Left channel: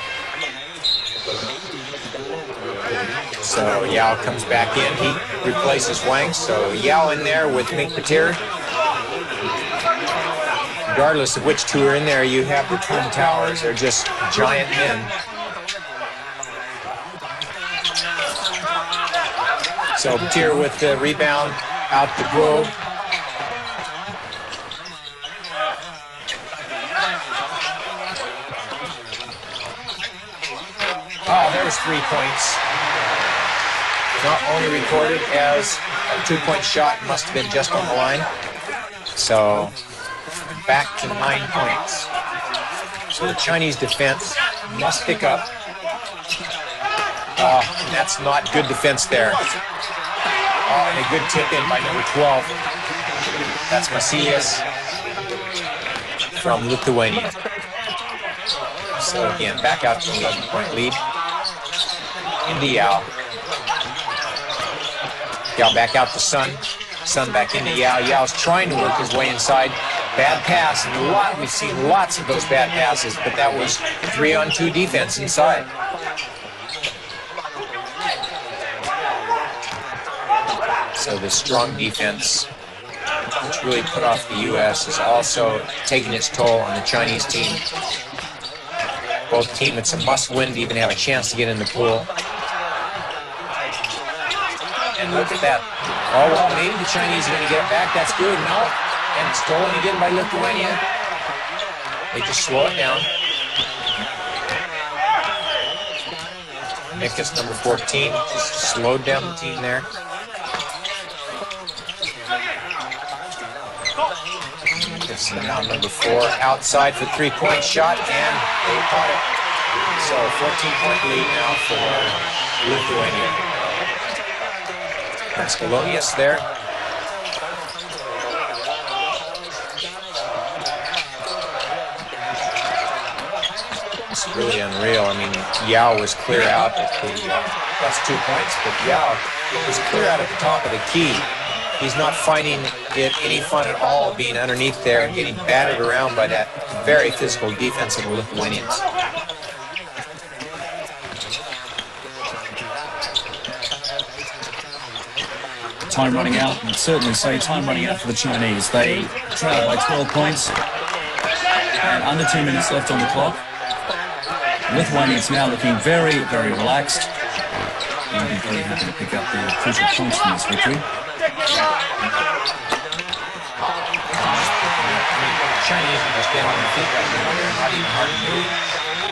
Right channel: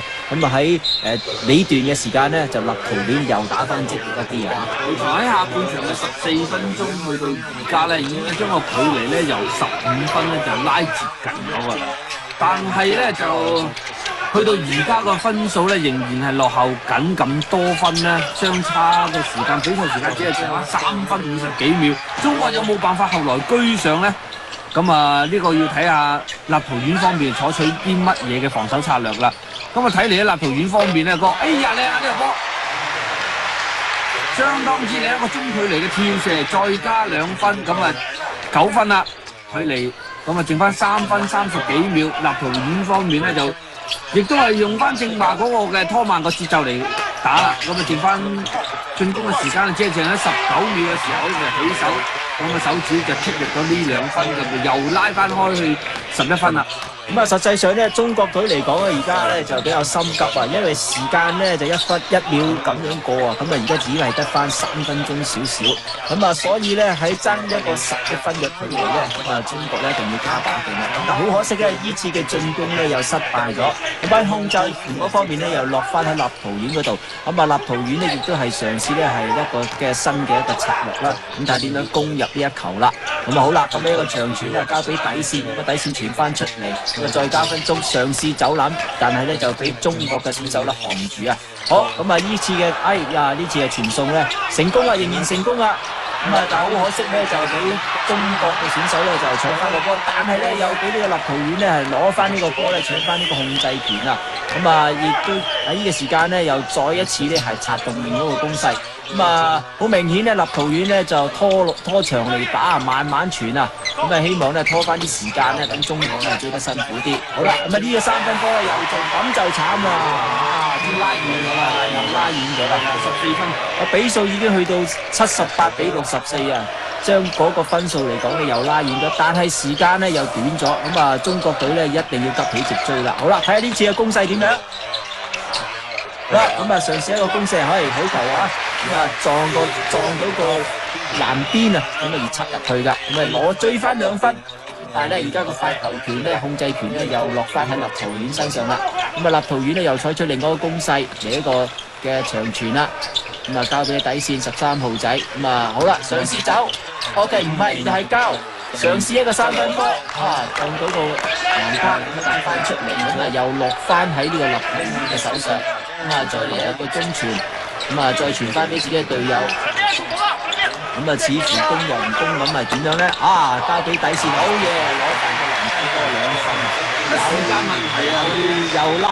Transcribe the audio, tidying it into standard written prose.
咧，咁啊喺尾段嘅時間咧，就立陶宛又打翻咗嗰啲人。喺下半場嘅4分鐘去到而家咧，已經將個距離咧由15分咧就拉長咗。但係咧就去到而家個分數咧，仍然係落後緊咁多分咧，相差嘅時間比賽時間只係剩翻3分50幾秒。中國有冇辦法後來居上咧？咁啊，呢個要睇下立陶宛方面採取啲乜嘢嘅防守策略啦。咁啊，睇嚟咧，立陶宛方面咧個相當之係一個中距離嘅跳射，再加2分，咁啊9分啦，距離。咁啊，剩翻3分30幾秒，立陶宛方面咧就亦都係用翻正話嗰個嘅拖慢個節奏嚟打啦。咁啊，剩翻進攻嘅時間只係剩喺19秒嘅時候就起手，咁啊手指就出入咗呢2分，又拉翻開去11分啦。咁啊，實際上咧，中國隊嚟講咧，而家咧就比較心急啊，因為時間咧就1分1秒咁樣過啊，咁啊而家只係得翻3分鐘少少，咁啊所以咧喺爭一個11分嘅距離咧，中國咧就好可惜咧，呢次嘅進攻咧又失敗咗。咁喺控制嗰方面咧又落翻喺立陶宛嗰度。咁啊，立陶宛咧亦都係嘗試咧係一個嘅新嘅一個策略啦。咁就點樣攻入呢一球啦？咁啊好啦，咁呢個長傳啊交俾底線，底線傳翻出嚟，再加分鐘嘗試走籃，但係咧就俾中國嘅選手咧防住啊。好，咁啊呢次嘅呢次嘅傳送咧成功啦，仍然成功啦。咁啊但係好可惜咧就俾中國嘅選手咧就搶翻個波。但係咧有俾呢個立陶宛咧係攞翻呢個波咧搶翻呢個控制權啊！咁啊亦都喺呢個時間咧又再一次咧係策動另一個攻勢。咁啊好明顯咧立陶宛咧就拖長嚟打，慢慢傳啊！咁啊希望咧拖翻啲時間咧等中國咧做得辛苦啲。好啦，咁啊呢個3分波又咁就慘啦！又拉遠咗啦，14分，比數已經去到78比64啊！將嗰個分數嚟講咧又拉遠咗，但係時間咧又短咗，咁啊中國隊咧一定要急起直追啦。好啦，睇下呢次嘅攻勢點樣。咁啊嘗試一個攻勢，可以好球啊！撞到個籃邊啊，咁啊唔插入去㗎。我追翻2分，但係咧而家個控制權咧又落翻喺立陶宛身上啦。咁啊立陶宛咧又採取另外一個攻勢嚟一個嘅長傳啦。咁啊交俾底線13號仔，咁啊好啦，嘗試走，我哋唔係交，嘗試一個3分波，撞到個籃筐，又落翻喺呢個立陶宛嘅手上，再嚟一個中傳，咁啊再傳翻俾自己嘅隊友，咁啊似乎攻又唔攻，咁係點樣咧？交俾底線，好嘢，攞翻個籃筐，2分，時間問題啊，又拉。